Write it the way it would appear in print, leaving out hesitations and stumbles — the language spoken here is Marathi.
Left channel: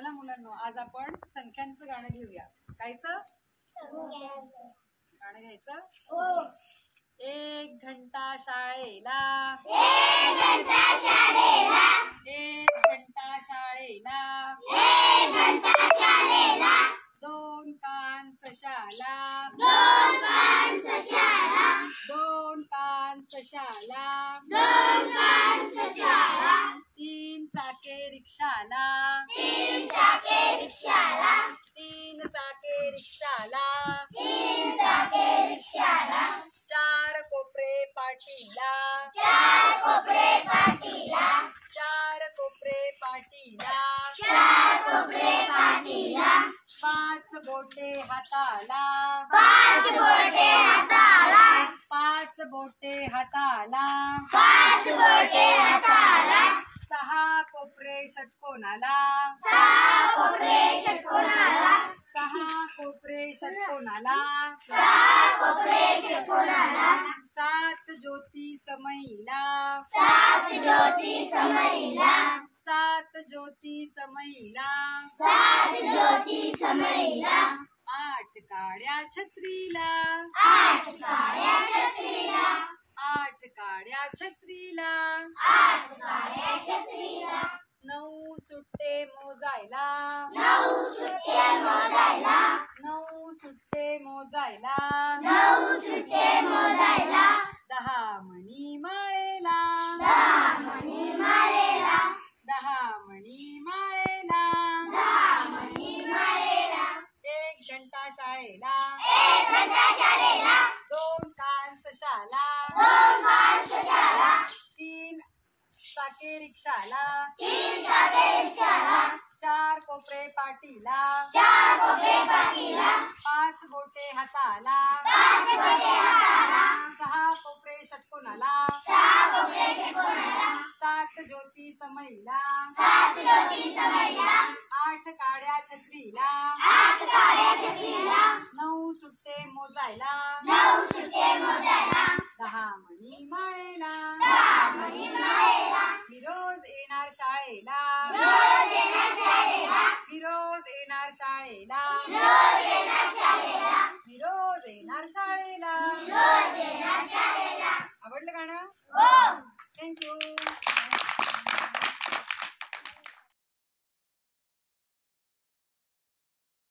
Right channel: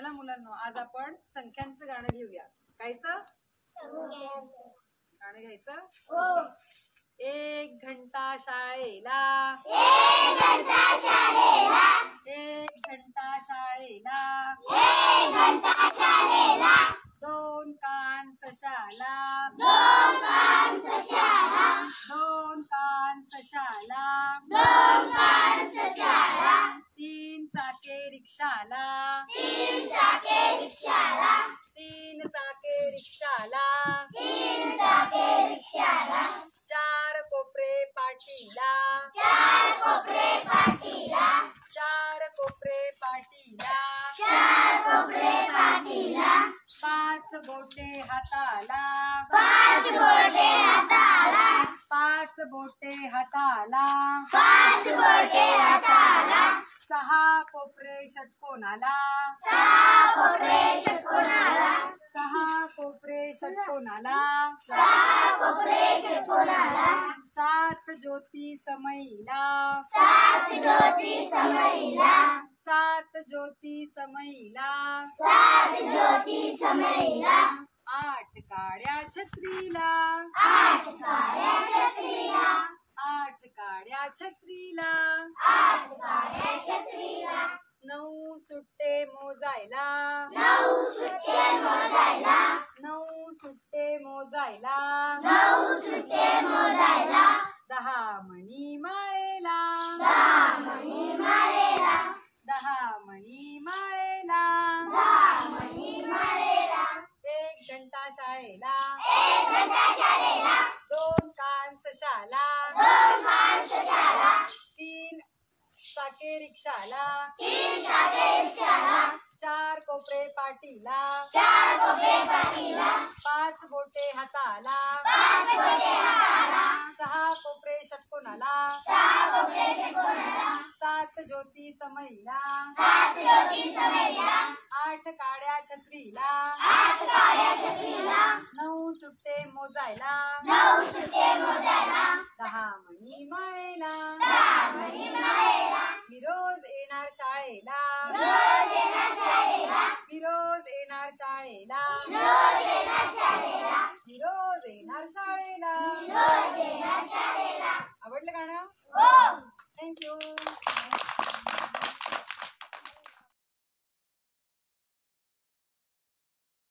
चला मुलांनो, आज आपण संख्यांचं गाणं घेऊया. कायचं गाणं घ्यायचं? हो. एक घंटा शाळेला, एक घंटा शाळेला, एक घंटा शाळेला, एक घंटा शाळेला, दोन कान सशाला, दोन कान सशाला, दोन कान सशाला, दोन कान सशाला, तीन चाके रिक्षाला, तीन चाके रिक्षाला, तीन चाके रिक्षाला, तीन चाके रिक्षाला, चार कोपरे पाटीला, चार कोपरे पाटीला, चार कोपरे पाटीला, चार कोपरे पाटीला, पाच बोटे हाताला, पाच बोटे हाताला, पाच बोटे हाताला, पाच बोटे हाताला, सहा कोपरे षटकोनाला, सहा कोपरे षटकोनाला, सहा कोपरे षटकोनाला, सहा कोपरे षटकोनाला, सात ज्योती समईला, सात ज्योती समईला, सात ज्योती समईला, सात ज्योती समईला, आठ काड्या छत्रीला, आठ काळ्या छत्रीला, आठ काड्या छत्रीला, आठ काळ्या छत्रीला, नऊ सुट्टे मोजायला, नऊ सुट्टे मोजायला, नऊ सुट्टे मोजायला, नऊ सुट्टे मोजायला, दहा मणी माळेला, दहा मणी माळेला, दहा मणी माळेला, दहा मणी माळेला, एक घंटा शाळेला, एक घंटा शाळेला, दोन कान सशाला, दोन कान सशाला, तीन चाके रिक्षाला, तीन चाके रिक्षाला, चार कोपरे पाटीला, चार कोपरे पाटीला, पाच बोटे हाताला, पाच बोटे हाताला, सहा कोपरे षटकोनाला, सहा कोपरे षटकोनाला, सात ज्योती समईला, सात ज्योती समईला, आठ काड्या छत्रीला, आठ काळ्या छत्रीला, नऊ सुट्टे मोजायला, नऊ सुट्टे मोजायला, दहा मणी माळेला, दहा मणी माळेला, मी रोज येणार शाळेला, रोज येणार शाळेला, मी रोज येणार शाळेला, रोज